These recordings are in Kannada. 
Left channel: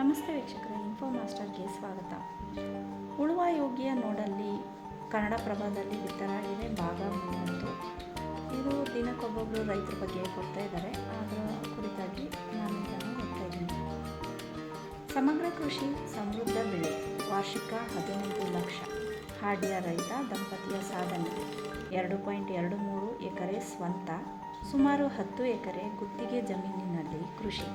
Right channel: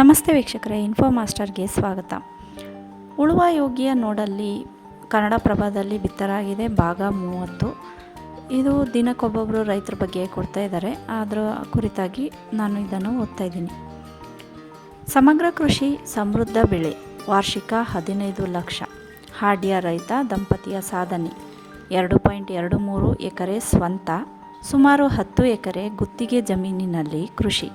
ನಮಸ್ತೆ ವೀಕ್ಷಕರೇ ಇನ್ಫೋ ಮಾಸ್ಟರ್ಗೆ ಸ್ವಾಗತ. ಉಳುವ ಯೋಗಿಯ ನೋಡಲ್ಲಿ ಕನ್ನಡ ಪ್ರಭಾದಲ್ಲಿ ಬಿತ್ತರಾಗಿದೆ ಭಾಗ ಮೂವತ್ತು. ಇದು ದಿನಕ್ಕೊಬ್ಬೊಬ್ಬರು ರೈತರ ಬಗ್ಗೆ ಕೊಡ್ತಾ ಇದ್ದಾರೆ ಅದರ ಕುರಿತಾಗಿ ನಾನು ಇದನ್ನು ಓದ್ತಾ ಇದ್ದೀನಿ. ಸಮಗ್ರ ಕೃಷಿ ಸಮೃದ್ಧ ಬೆಳೆ, ವಾರ್ಷಿಕ ಹದಿನೈದು ಲಕ್ಷ. ಹಾಡ್ಯ ರೈತ ದಂಪತಿಯ ಸಾಧನೆ. ಎರಡು ಪಾಯಿಂಟ್ ಎರಡು ಮೂರು ಎಕರೆ ಸ್ವಂತ, ಸುಮಾರು ಹತ್ತು ಎಕರೆ ಗುತ್ತಿಗೆ ಜಮೀನಿನಲ್ಲಿ ಕೃಷಿ.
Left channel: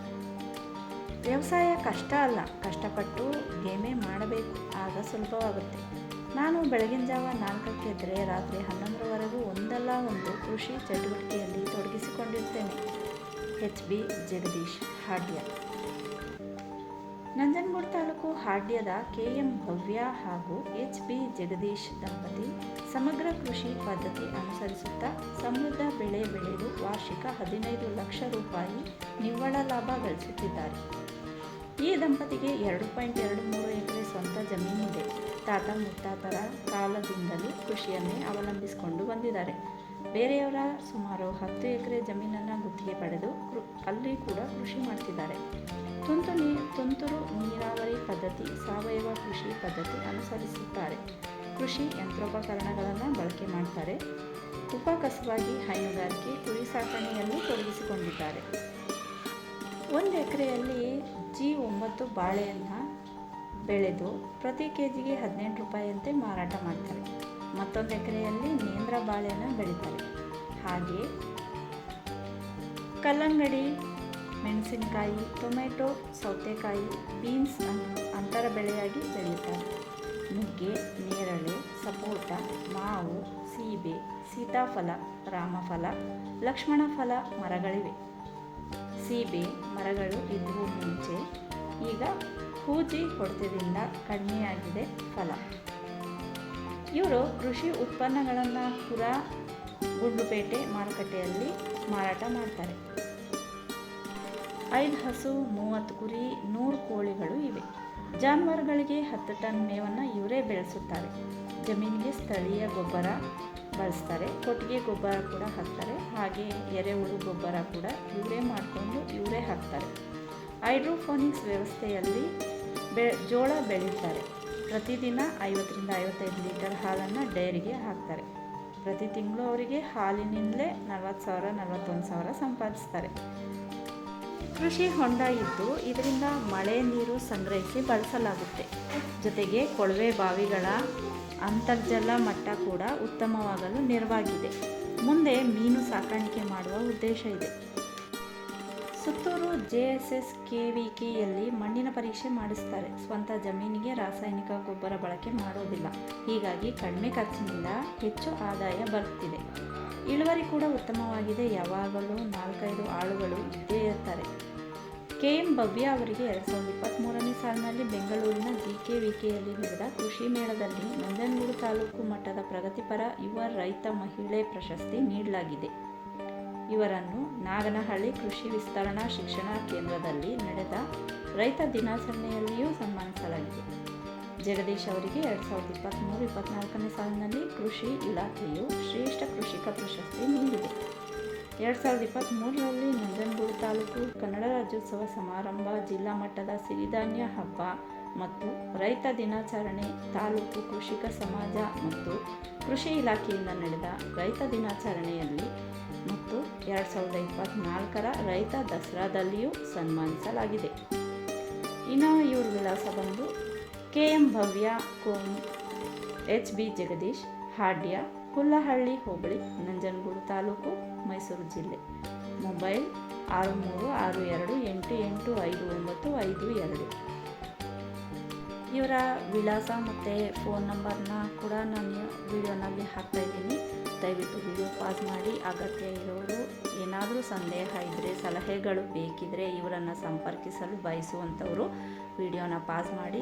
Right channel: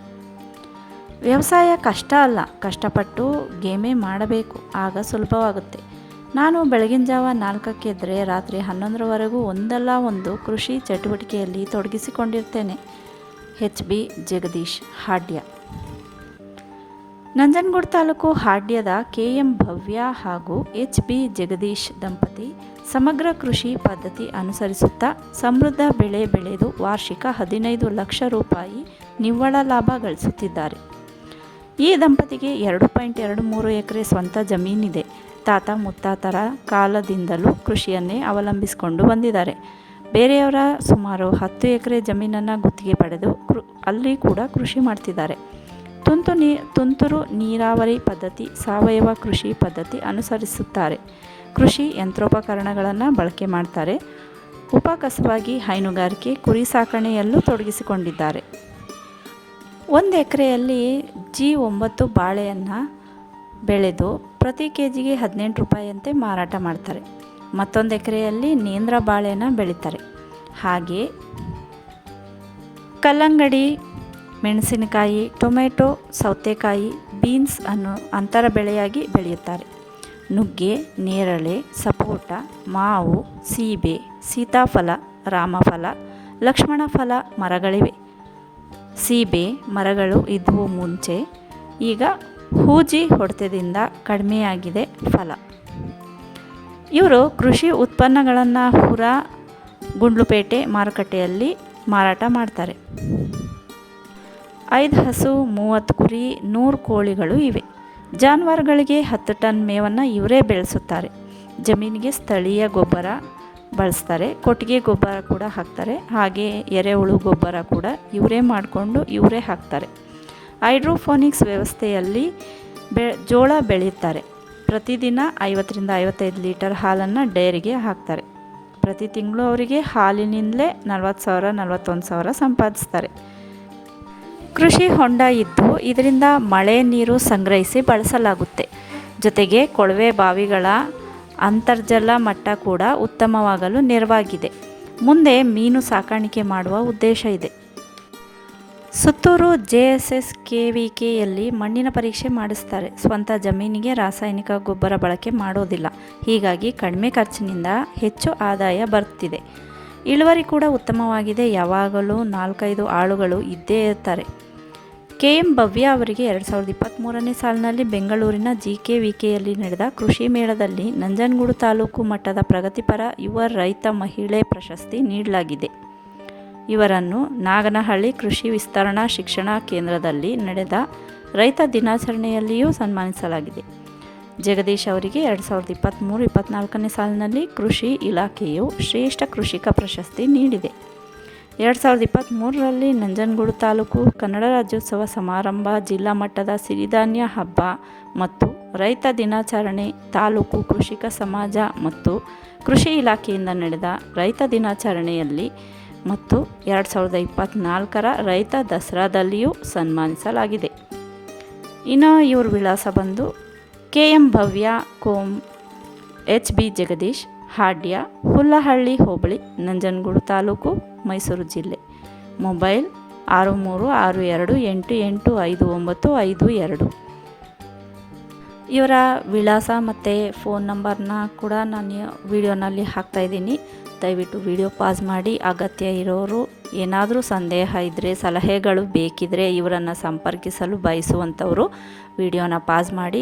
ವ್ಯವಸಾಯ ಕಷ್ಟ ಅಲ್ಲ, ಕಷ್ಟಪಟ್ಟು ಗೇಮೆ ಮಾಡಬೇಕು, ಆಗ ಸುಲಭವಾಗುತ್ತೆ. ನಾನು ಬೆಳಗಿನ ಜಾವ ನಾಲ್ಕಕ್ಕೆ ಇದ್ದರೆ ರಾತ್ರಿ ಹನ್ನೊಂದರವರೆಗೂ ಒಂದಲ್ಲ ಒಂದು ಕೃಷಿ ಚಟುವಟಿಕೆಯಲ್ಲಿ ತೊಡಗಿಸಿಕೊಂಡಿರ್ತೇನೆ. H B Jagadish Hadya. Nanjangud taluk ಹಾಡ್ಯದ ಕೆ ಎಂ ಭವ್ಯ ಹಾಗೂ ಎಚ್ ಬಿ ಜಗದೀಶ್ ದಂಪತಿ ಸಮಗ್ರ ಕೃಷಿ ಪದ್ಧತಿ ಅನುಸರಿಸುತ್ತಾ ಸಮೃದ್ಧ ಬೆಳೆ ಬೆಳೆದು ವಾರ್ಷಿಕ ಹದಿನೈದು ಲಕ್ಷ ರೂಪಾಯಿ ನಿವ್ವಳ ಲಾಭ ಗಳಿಸುತ್ತಿದ್ದಾರೆ. ಈ ದಂಪತಿಗೆ ಎರಡು ಪಾಯಿಂಟ್ ಎರಡು ಮೂರು ಎಕರೆ ಸ್ವಂತ ಜಮೀನಿದೆ. ತಾತ ಮುತ್ತಾತರ ಕಾಲದಿಂದಲೂ ಕೃಷಿಯನ್ನೇ ಅವಲಂಬಿಸಿಕೊಂಡು ಬಂದಿದ್ದಾರೆ. ಬೇರೆಯವರ ಸುಮಾರು ಹತ್ತು ಎಕರೆ ಜಮೀನನ್ನು ಗುತ್ತಿಗೆ ಪಡೆದು ಕೃ, ಅಲ್ಲಿ ಕೂಡ ಕೃಷಿ ಮಾಡ್ತಿದ್ದಾರೆ. ತುಂತು ನೀ, ತುಂತುರು ನೀರಾವರಿ ಪದ್ಧತಿ ಸಾವಯವ ಕೃಷಿ ಪದ್ಧತಿ ಅನುಸರಿಸುತ್ತಾರೆ. ಕೃಷಿ ಯಂತ್ರೋಪಕರಣಗಳನ್ನು ಬಳಕೆ ಮಾಡ್ತಾರೆ. ಉಪಕಸವಾಗಿ ಹೈನುಗಾರಿಕೆ, ಕುರಿ ಸಾಕಣೆಯಲ್ಲೂ ತೊಡಗಿಸಿಕೊಂಡಿದ್ದಾರೆ. ಒಂದು ಎಕರೆಯಲ್ಲಿ ಜಿ ಒಂಬತ್ತು ಬಾಳೆಯನ್ನು ಬೆಳೆದು ಪ್ರತಿ ಕೆ ಜಿಗೆ ಹದಿನೆಂಟು ರೂಪಾಯಿಯಂತೆ ಮಾರಾಟ ಮಾಡ್ತಾರೆ. ಮತ್ತೊಂದು ಎಕರೆಯಲ್ಲಿ ನೇಂದ್ರ ಬಾಳೆಯನ್ನು ಬೆಳೀತಾರೆ. ಹಾಗೆ ಕಲ್ಲಂಗಡಿ, ಮೆಣಸಿನಕಾಯಿ, ಟೊಮೆಟೊ, ಸೌತೆಕಾಯಿ, ಬೀನ್ಸ್ ಅನ್ನು ಅಂತರ ಬೆಳೆಯಾಗಿ ಬೆಳೆಯುತ್ತಾರೆ. ನುಗ್ಗೆ, ನೇರಳೆ, ಸಪೋಟ, ಮಾವು, ಸೀಬೆ, ಸೀತಾಫಲ, ರಾಮಫಲ ಲಕ್ಷ್ಮಣ ಫಲ ಮರಗಳಿವೆ. ಸೀಬೆ ಮರಗಳು ಇದ್ವು ಮುಂಚೆ. ಈಗ ಹೂಜಿ ಹೊಡೆತದಿಂದ ಕಡಿಮೆಯಾಗಿದೆ ಫಲ. ಇವರು ಕೃಷಿ ಉತ್ಪನ್ನಗಳನ್ನು ಹುರ ಗುಂಡ್ಲುಪೇಟೆ ಮಾರುಕಟ್ಟೆಯಲ್ಲಿ ಮಾರಾಟ ಮಾಡ್ತಾರೆ. ಐದು ಹಸು, ಮೂವತ್ತು ಕುರಿ, ನೂರು ಕೋಳಿಗಳು ಇವೆ. ಜಾನುವಾರುಗಳಿಗೆ ಹತ್ತು ಟನ್ ಮೇವನ್ನು ಇವರೇ ಬೆಳೆಸುತ್ತಾರೆ. ಜಮೀನಿಗೆ ಸ್ಥಳೀಯ ಗೊಬ್ಬರ ಬಳಸ್ತಾರೆ. ಕೊಟ್ಟಿಗೆ ಗೊಬ್ಬರ ಕೂಡ ಹಾಕ್ತಾರೆ. ಹಾಗೆ ಎರೆಹುಳು ಗೊಬ್ಬರ ಕೂಡ ಇವರೇ ಮಾಡಿಕೊಂಡು ಇವರೇ ಹಾಕ್ತಾರೆ. ಹೈಡ್ರೋಫೋನಿಕ್ಸ್ ವ್ಯವಸ್ಥೆಯಲ್ಲಿ ಬೆ, ಜೋಳ ಬೆಳೀತಾರೆ. ಪ್ರತಿದಿನ ಐವತ್ತರಿಂದ ಐವತ್ತೈದು ಲೀಟರ್ ಹಾಲನ್ನು ಡೈರಿಗೆ ಹಾಕ್ತಾರೆ. ಪ್ರತಿ ತಿಂಗಳು ಅವರಿಗೆ ಹಾಲಿನಿಂದಲೇ ನಲ್ವತ್ತು ಸಾವಿರ, ನಲವತ್ತೊಂದು ಸಾವಿರ ಸಂಪಾದಿಸ್ತಾರೆ. ಕೃಷಿ ಹೊಂಡ ಇದ್ದು ಇದರಿಂದ ಮಳೆ ನೀರು ಸಂಗ್ರಹಿಸಿ ಬಳಸಲಾಗುತ್ತೆ. ಜೊತೆಗೆ ಕೊಳವೆ ಬಾವಿಗಳ ಅಂತರ್ಜಲ ಮಟ್ಟ ಕೂಡ ಉತ್ತಮವಾಗಲು ನೆರವಾಗಿದೆ. ಮುಂದೆ ಮೀನು ಸಾಕಾಣಿಕೆ ಮಾಡುವ ಉದ್ದೇಶ ಇದೆ. Suttur J S S K V ಕೆಯಲ್ಲಿ ಮಣ್ಣಿನ ಪರೀಕ್ಷೆ ಮಾಡಿಸ್ತಾರೆ. ಸ್ವಂತ ಜಮೀನಿಗೆ ರಾಸಾಯನಿಕ ಗೊಬ್ಬರ ಬಳಕೆ ಮಾಡೋದಿಲ್ಲ. ಹೀಗಾಗಿ ಕಡಿಮೆ ಖರ್ಚಿನಿಂದ ಹೆಚ್ಚು ಆದಾಯ ಬರ್ತಿದೆ ಇಳುವರಿ ಕೂಡ ಉತ್ತಮವಾಗಿದೆ. ಯಾವಾಗಲೂ ನಾಲ್ಕೈದು ಆಳುಗಳು ಇದ್ದೇ ಇರ್ತಾರೆ. ಕೆ ಎಂ ಭವ್ಯ ಅವರಿಗೆ ಎರಡು ಸಾವಿರದ ಇಪ್ಪತ್ತ್ಮೂರನೇ ಸಾಲಿನಲ್ಲಿ ಬೆಂಗಳೂರಿನ ಜಿ ಕೆ ವಿ ಕೆಯಲ್ಲಿ ನಡೆದ ಕೃಷಿ ಮೇಳದಲ್ಲಿ ನಂಜನಗೂಡು ತಾಲೂಕು ಮಟ್ಟದ ಪ್ರಗತಿಪರ ಯುವ ರೈತ ಮಹಿಳೆ ಪ್ರಶಸ್ತಿ ನೀಡಲಾಗಿದೆ. ಇವರನ್ನು ನಾಗನಹಳ್ಳಿ ಕೃಷಿ ವಿಸ್ತರಣಾ ಶಿಕ್ಷಣ ಕೇಂದ್ರದಲ್ಲಿ ನಡೆದ ರೈತ ದಿನಾಚರಣೆಯಲ್ಲಿಯೂ ಸನ್ಮಾನಿಸಲಾಗಿದೆ. ಜಗದೀಶ್ ಅವರಿಗೆ ಎರಡು ಸಾವಿರದ ಇಪ್ಪತ್ತ್ಮೂರು ಇಪ್ಪತ್ತ್ನಾಲ್ಕನೇ ಸಾಲಿನಲ್ಲಿ ಕೃಷಿ ಇಲಾಖೆಯು ಶ್ರೇಷ್ಠ ಕೃಷಿಕ ಪ್ರಶಸ್ತಿ ನೀಡಿದೆ. ಎರಡು ಸಾವಿರದ ಇಪ್ಪತ್ತ್ಮೂರರಲ್ಲಿ ನಂಜನಗೂಡು ತಾಲೂಕು ಕನ್ನಡ ರಾಜ್ಯೋತ್ಸವ ಸಮಾರಂಭ, ಜಿಲ್ಲಾ ಮಟ್ಟದ ಸಿರಿಧಾನ್ಯ ಹಬ್ಬ ಮತ್ತು ರೈತ ದಿನಾಚರಣೆ, ತಾಲೂಕು ಕೃಷಿಕ ಸಮಾಜ ಮತ್ತು ಕೃಷಿ ಇಲಾಖೆಯಿಂದ ನಡೆದ ರೈತ ದಿನಾಚರಣೆಯಲ್ಲಿ ಮತ್ತು ಎರಡು ಸಾವಿರದ ಇಪ್ಪತ್ತ್ನಾಲ್ಕರ ರೈತ ದಸರಾದಲ್ಲಿಯೂ ಸನ್ಮಾನಿಸಲಾಗಿದೆ. ಇನ್ನು ಇವ್ರ ವಿಳಾಸ ಬಂದು ಕೆ ಎಂ ಭವ್ಯ, ಕೋಮ್, ಎಚ್ ಬಿ ಜಗದೀಶ್ ಹಾಡ್ಯ ಹುಲ್ಲಹಳ್ಳಿ ಹೋಬಳಿ, ನಂಜನಗೂಡು ತಾಲೂಕು, ಮೈಸೂರು ಜಿಲ್ಲೆ. ಮೊಬೈಲ್ ಆರು ಮೂರು ಆರು ಎರಡು ಎಂಟು ಎಂಟು ಐದು ಒಂಬತ್ತು ಐದು ಎರಡು. ಇವರ ವಿಳಾಸ ಮತ್ತು ಫೋನ್ ನಂಬರ್ನ ಕೂಡ ನಾನು ವಿಡಿಯೋನಲ್ಲಿ ಹಾಕ್ತಾಯಿದ್ದೀನಿ ದಯವಿಟ್ಟು ವಿಡಿಯೋ ಪಾಸ್ ಮಾಡಿ ಅಗತ್ಯ ಇರೋರು ಏನಾದರೂ ಸಂದೇಹ ಇದ್ದರೆ ಸಲಹೆಗಳು ಬೇಕಿದ್ದರೆ ಇವರನ್ನು ಸಂಪರ್ಕಿಸಲು ಬಯಸುವಂಥವರು ವಿಡಿಯೋನ ಪಾಸ್ ಮಾಡಿ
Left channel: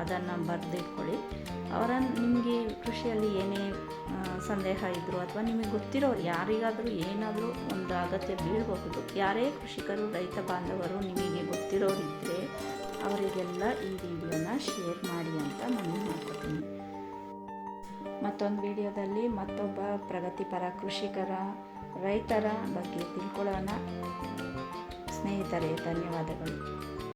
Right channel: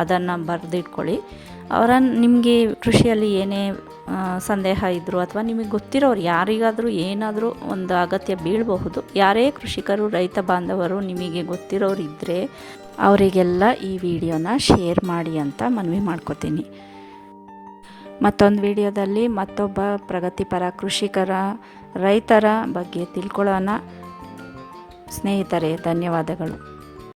ಅದನ್ನು ಬರೆದಿಟ್ಕೊಳ್ಳಿ. ಅವರನ್ನು ನಿಮಗೆ ಕೃಷಿಯಲ್ಲಿ ಏನೇ ಸಂದೇಹ ಇದ್ದರು ಅಥವಾ ನಿಮಗೆ ಗೊತ್ತಿರೋರು ಯಾರಿಗಾದರೂ ಏನಾದರೂ ಒಂದು ಅಗತ್ಯ ಬೀಳಬಹುದು, ಯಾರೇ ಕೃಷಿಕರು, ರೈತ ಬಾಂಧವರು ನಿಮಗೆ ಗೊತ್ತಿರೋರು ಇದ್ದರೆ ಅವರಿಗೆಲ್ಲ ಈ ವಿಡಿಯೋನ ಶೇರ್ ಮಾಡಿ ಅಂತ ಮನವಿ ಮಾಡ್ಕೋತೀನಿ. ಮತ್ತೊಂದು ವಿಡಿಯೋದಲ್ಲಿ ಮತ್ತೊಬ್ಬ ಪ್ರಗತಿಪರ ಕೃಷಿಕರ ರೈತರ ಬಗ್ಗೆ ತಿಳ್ಕೊಳ್ಳೋಣ. ಸ್ನೇಹಿತರೆ ಧನ್ಯವಾದಗಳು.